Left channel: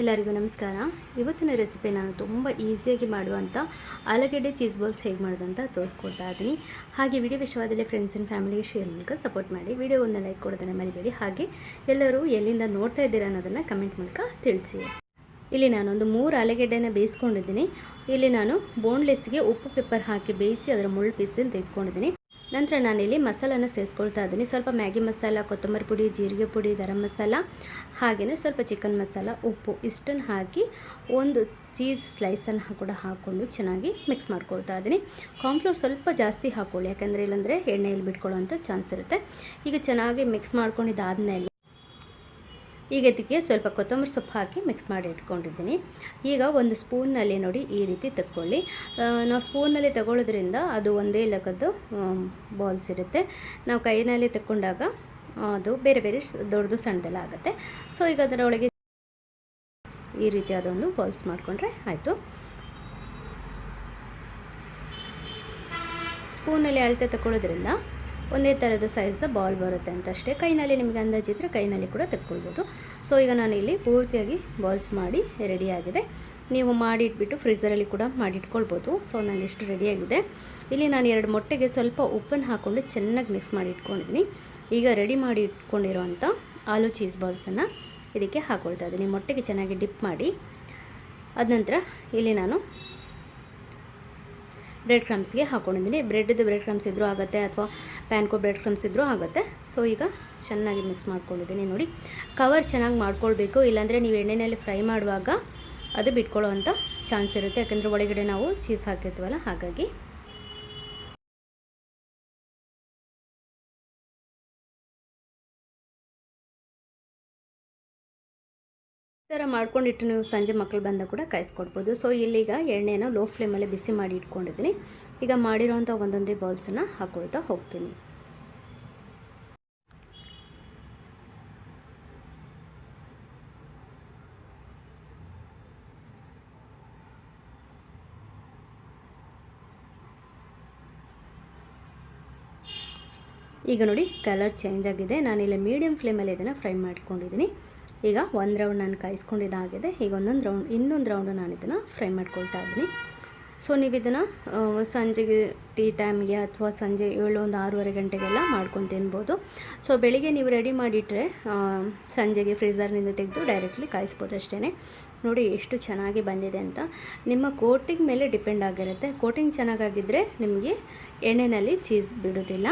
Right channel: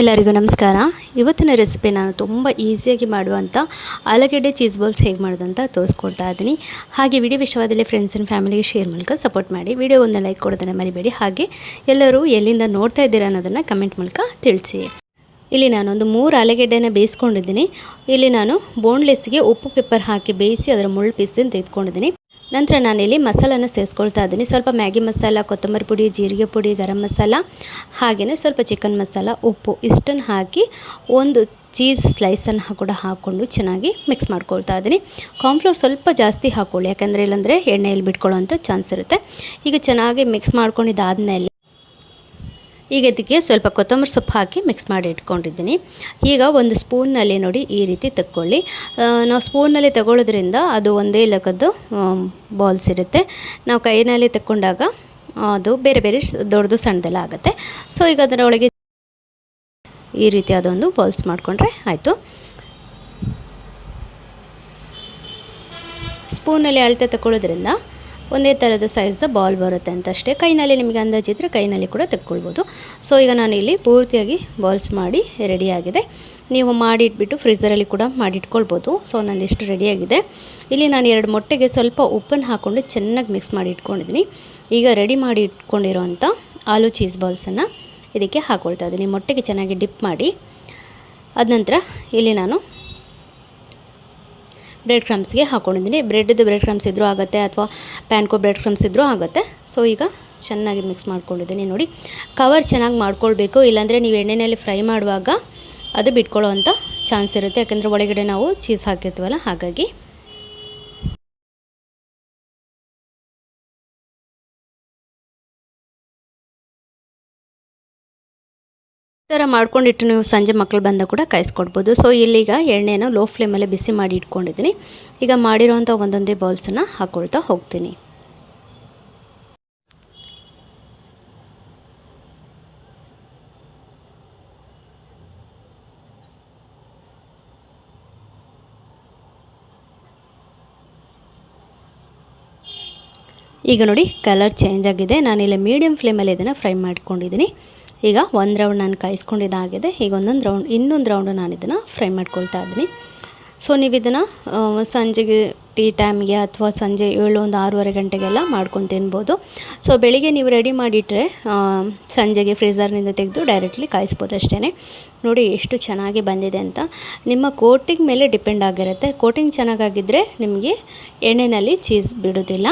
ಎಲ್ಲರಿಗೂ ನಮಸ್ಕಾರ. ಇವತ್ತಿನ ರೆಸಿಪಿ ನಾನು ತುಂಬ ಈಸಿಯಾಗಿ ಮಾಡುವಂಥ ಆಲೂಗಡ್ಡೆ ಚೀಸ್ ಬಾಲ್ಸ್ ಹೇಗೆ ಮಾಡೋದಂತ ತೋರಿಸ್ಕೊಡ್ತಾ ಇದ್ದೀನಿ. ಹಾಗೆ ವಿಡಿಯೋ ವಿಷಯವಾದಲ್ಲಿ ಫ್ರೆಂಡ್ಸ್ ಆ್ಯಂಡ್ ಫ್ಯಾಮಿಲಿಗೆ ಶೇರ್ ಮೂಲಕ ಸಪೋರ್ಟ್ ಮಾಡಿ. ವಿಡಿಯೋ ಒಂದು ಲೈಕ್ ಕೊಡೋದನ್ನು ಮರಿಬೇಡಿ. ಹಾಗೆ ಎಲ್ಲರೂ ಎಲ್ಲಿಂದ ನೋಡ್ತಾ ಇದ್ದೀರಾ ಅನ್ನೋದನ್ನು ಕಮೆಂಟ್ ಮೂಲಕ ತಿಳಿಸಿ. ಇಲ್ಲಿ ನಾನೊಂದು ಮೂರು ಆಲೂಗೆಡ್ಡೆನ ಬೇಯಿಸ್ಕೊಂಡಿದ್ದೀನಿ. ಇಲ್ಲಿ ನಾನು ಬೋನ್ಲೆಸ್ಗೆ ಉಪ್ಪು ಪೆಪ್ಪರ್ ಹಾಕಿ ಬೇಯಿಸಿ ಅದರ ಮುಳ್ಳು ಪೀಸನ್ನು ತೆಗೆದುಕೊಂಡಿದ್ದೀನಿ. ನಂತರ ನಾನಿಲ್ಲಿ ಮಸಾಲನ ಸೇರಿಸ್ಕೊಳ್ತಾ ಇದ್ದೀನಿ. ಸ್ವಲ್ಪ ಮ್ಯಾಗಿ ಮಸಾಲ, ಕೊತ್ತಂಬರಿ ಪುಡಿ, ಜೀರಿಗೆ ಪುಡಿ, ಗರಂ ಮಸಾಲ ಹಾಗೆಯೇ ಸ್ವಲ್ಪ ಚಿಕನ್ ಮಸಾಲ, ಉಪ್ಪು ಇಷ್ಟನ್ನು ಹಾಕಿ ಒಂದು ಚೀಸ್ ಸ್ಲೈಸನ್ನು ಕೂಡ ಹಾಕ್ಕೊಂಡು ಚೆನ್ನಾಗಿ ಮಿಕ್ಸ್ ಮಾಡ್ಕೊಳ್ತಾ ಇದ್ದೀನಿ. ಕಾರ್ನ್ಫ್ಲೋರ್ ಸ್ವಲ್ಪ ಜಾಸ್ತಿ ಹಾಕ್ಕೊಳ್ಳಿ ಯಾಕಂದರೆ ಇಲ್ಲಾಂದರೆ ಎಣ್ಣೆಯಲ್ಲಿ ಬಿಟ್ಕೊಳ್ಳೋ ಚಾನ್ಸ್ ಇರುತ್ತೆ. ಈಗ ಚೆನ್ನಾಗಿ ಮಿಕ್ಸ್ ಮಾಡ್ಕೊಂಡಿದ್ದಾದಮೇಲೆ ಈಗ ಇದಕ್ಕೆ ಸ್ವಲ್ಪ ಕೊತ್ತಂಬರಿ ಸೊಪ್ಪು ಹಾಕಿ ಮಿಕ್ಸ್ ಮಾಡಿ ಇಟ್ಕೊಂಡಿದ್ದೀನಿ. ಈಗ ಒಂದು ಸ್ಪೂನ್ನಲ್ಲಿ ನೋಡಿ ಈ ರೀತಿ ತಕ್ಕೊಳ್ಳಿ. ನಾವು ಸ್ಪೂನಲ್ಲಿ ತಗೊಳ್ಳೋದ್ರಿಂದ ಅದು ಒಂದೇ ಲಗದ್ದು ಬಾಲ್ಸ್ ಇರುತ್ತೆ. ನಾವು ಕೈನಲ್ಲಿ ತಕ್ಕೊಂಡಾಗ ಅದು ಬೇರೆ ಬೇರೆ ದೊಡ್ಡದು ಸಣ್ಣದೆಲ್ಲ ಆಗುತ್ತೆ. ಸೊ ಈಗ ಅದರೊಳಗೆ ಈ ರೀತಿ ಅದೊಂದು ಬಾಲ್ಸ್ ಮಾಡಿಕೊಂಡ್ರೆ ಆಯಿತು. ಸ್ಪೂನಲ್ಲಿ ಅಳತೆ ತಗೊಳ್ಳೋದ್ರಿಂದ ಒಂದೇ ಥರದ ಸೈಜ್ದ ಬಾಲ್ ಬರುತ್ತೆ ಅಂತ ಅಷ್ಟೇ ಕೈನಲ್ಲಿ ನಿಮಗೆ ಅಂದಾಜಿದ್ರೆ ಕೈನಲ್ಲಿ ಕೂಡ ತೆಕ್ಕೊಳ್ಬೋದು. ಸೊ ಈಗ ನಾನು ಇಲ್ಲಿ ಪೂರ್ತಿಯಾಗಿ ಬಾಲ್ಸ್ ಮಾಡಿ ರೆಡಿಯಾಗಿದೆ ನೀವು ಮಾಡಿಟ್ಬಿಟ್ಟು ಫ್ರಿಜ್ಜರಲ್ಲಿ ಕೂಡ ಮಾಡಿಟ್ಕೊಳ್ಬೋದು. ಸೊ ನಂದಿಷ್ಟು ರೆಡಿಯಾಗಿದೆ ಇಲ್ಲಿ ನಾನು ಎರಡು ಮೊಟ್ಟೆಗೆ ಸ್ವಲ್ಪ ಉಪ್ಪನ್ನು ಹಾಕ್ಕೊಂಡು ಚೆನ್ನಾಗಿ ಮಿಕ್ಸ್ ಮಾಡಿ ಇಟ್ಕೊಂಡಿದ್ದೀನಿ. ಈಗ ರೆಡಿ ಮಾಡಿ ಇಟ್ಕೊಂಡಿರೋಂಥ ಆಲೂ ಚೀಸ್ ಬಾಲ್ಸನ್ನು ಇದಕ್ಕೆ ಹಾಕ್ಕೊಳ್ತಾ ಇದ್ದೀನಿ. ಮೊಟ್ಟೆಗೆ ಚೆನ್ನಾಗಿ ಡಿಪ್ ಮಾಡಿ. ಅದ ನಂತರ ಇಲ್ಲಿ ನಾನು ಬ್ರೆಡ್ ಕ್ರಮ್ಸ್ಗೆ ಹಾಕೊಂಡಿದ್ದೀನಿ. ಬ್ರೆಡ್ದು ಬ್ರೆಡ್ ಕ್ರಮ್ಸ್ ಇದ್ದರೂ ಆಗುತ್ತೆ ಅಥವಾ ಪ್ಯಾನ್ಕೋ ಬ್ರೆಡ್ ಕ್ರಮ್ಸ್ ಇದ್ದರೂ ಆಗುತ್ತೆ. ಸೊ ಈಗ ಚೆನ್ನಾಗಿ ಮಿಕ್ಸ್ ಮಾಡ್ಕೊಂಡಿದ್ದೀನಿ ನೋಡಿ. ಕವರ್ ಚೆನ್ನಾಗಿ ಮಾಡ್ಕೊಳ್ಬೇಕು. ಇಲ್ಲಾಂದರೆ ನೀವು ಎಣ್ಣೆಯಲ್ಲಿ ಫ್ರೈ ಮಾಡುವಾಗ ಅದು ಬಿಟ್ಕೊಳ್ಳೋ ಚಾನ್ಸ್ ಇರುತ್ತೆ. ಯಾಕೆಂದರೆ ಒಳಗಡೆ ನಾವು ಚೀಸ್ ಹಾಕಿರ್ತೀವಲ್ಲ, ಹಾಗಾಗಿ ಥರ ಮಾಡ್ಕೊಂಡಿಟ್ಟು ನೀವು ಸಂಜೆ ಮಕ್ಕಳು ಬಂದ ಕೂಡ ಕಾಯಿಸ್ಕೊಡ್ಬೋದು. ಸೊ ಇಲ್ಲಿಗ ಎಣ್ಣೆನ ಲೋ ಫ್ಲೇಮಲ್ಲೇ ಬಿಸಿ ಮಾಡಿ ಇಟ್ಕೊಂಡಿದ್ದೀನಿ. ಈಗ ಮಾಡಿರೋವಂಥ ಒಂದೊಂದೇ ಬಾಲ್ಸನ್ನು ಹಾಕ್ಕೊಳ್ತಾ ಹೋಗ್ತೀನಿ. ಈಗ ನೋಡಿ ಕಲರ್ ಚೇಂಜ್ ಆಗಿದೆ. ನಾನಿಲ್ಲಿ ಮೀಡಿಯಮ್ ಫ್ಲೇಮಲ್ಲಿ ಇದನ್ನು ಫ್ರೈ ಮಾಡ್ಕೊಂಡಿದ್ದೀನಿ. ಈಗ ಒಂದು ರೌಂಡ್ ನಾನು ಕಾಯಿಸ್ಕೊಂಡಿದ್ದಾಗಿದೆ ಈಗ ಒಂದೊಂದು ರೌಂಡ್ ಇನ್ನೊಂದು ರೌಂಡ್ ನಾನು ಇದನ್ನು ಫ್ರೈ ಮಾಡ್ಕೊಳ್ತಾ ಇದ್ದೀನಿ. ಸೊ ನೀವು ಇದನ್ನು ಸಂಜೆಗೆ ಟೀ ಟೈಮ್ಗೆ ಅಥವಾ ಸಂಜೆ ಏಳು ಒಂದು ಆರೂವರೆ ಗಂಟೆಗೆಲ್ಲ ಮಾಡ್ಕೊಂಡು ತಿನ್ಬೋದು. ಸೊ ಬೆಳಿಗ್ಗೆ ನೀವು ರೆಡಿ ಮಾಡಿಟ್ರೆ ಸಂಜೆಗೆ ಫ್ರೀಝರ್ನಿಂದ ತೆಗೆದು ಡೈರೆಕ್ಟ್ಲಿ ಕಾಯಿಸ್ಬೋದು ಅಷ್ಟೇ ನೋಡಿ ಎಷ್ಟು ಚೆನ್ನಾಗಿ ಬಂದಿದೆ ಅಂತ. ನಿಮ್ಮ ಕೋಟಿಂಗ್ ಮೇಲೆ ಡಿಪೆಂಡ್ ಆಗಿರುತ್ತೆ. ಕೋಟಿಂಗ್ ಚೆನ್ನಾಗಾಗಿದ್ದರೆ ನಿಮಗೆ ಎಣ್ಣೆಯಲ್ಲಿ ಚೀಸ್ ಬಿಡೋದಿಲ್ಲ.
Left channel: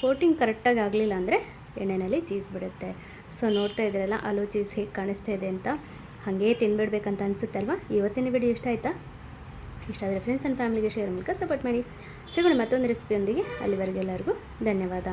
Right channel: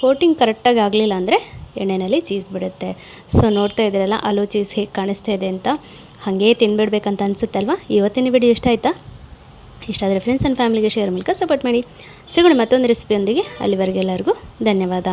ಕೋಟಿಂಗ್ ಕರೆಕ್ಟಾಗಿ ಆಗಲಿಲ್ಲ ಅಂದರೆ ಎಣ್ಣೆಯಲ್ಲಿ ಚೀಸ್ ಬಿಡುತ್ತೆ. ಸೊ ನೋಡ್ತಾ ಇದ್ದೀರಲ್ಲ ಅಲೋ ಚೀಸ್ ಹೇಗೆ ಕಾಣಿಸ್ತಾ ಇದೆ ಅಂತ. ಹಾಗೇ ತಿನ್ಬಿಡ್ಬೇಕಂತ ಅನಿಸುತ್ತಲ್ವ? ಇವತ್ತಿನ ವಿಡಿಯೋ ಇಷ್ಟ ಆಯಿತಾ? ಇಷ್ಟ ಆದರೆ ಫ್ರೆಂಡ್ಸ್ ಆ್ಯಂಡ್ ಫ್ಯಾಮಿಲಿಗೆ ಶೇರ್ ಮೂಲಕ ಸಪೋರ್ಟ್ ಮಾಡಿ. ಸಿಗೋಣ ಮತ್ತೊಂದು ರೆಸಿಪಿಯೊಂದಿಗೆ ಅಲ್ಲಿವರೆಗೆ ಎಲ್ಲರಿಗೂ ಧನ್ಯವಾದ.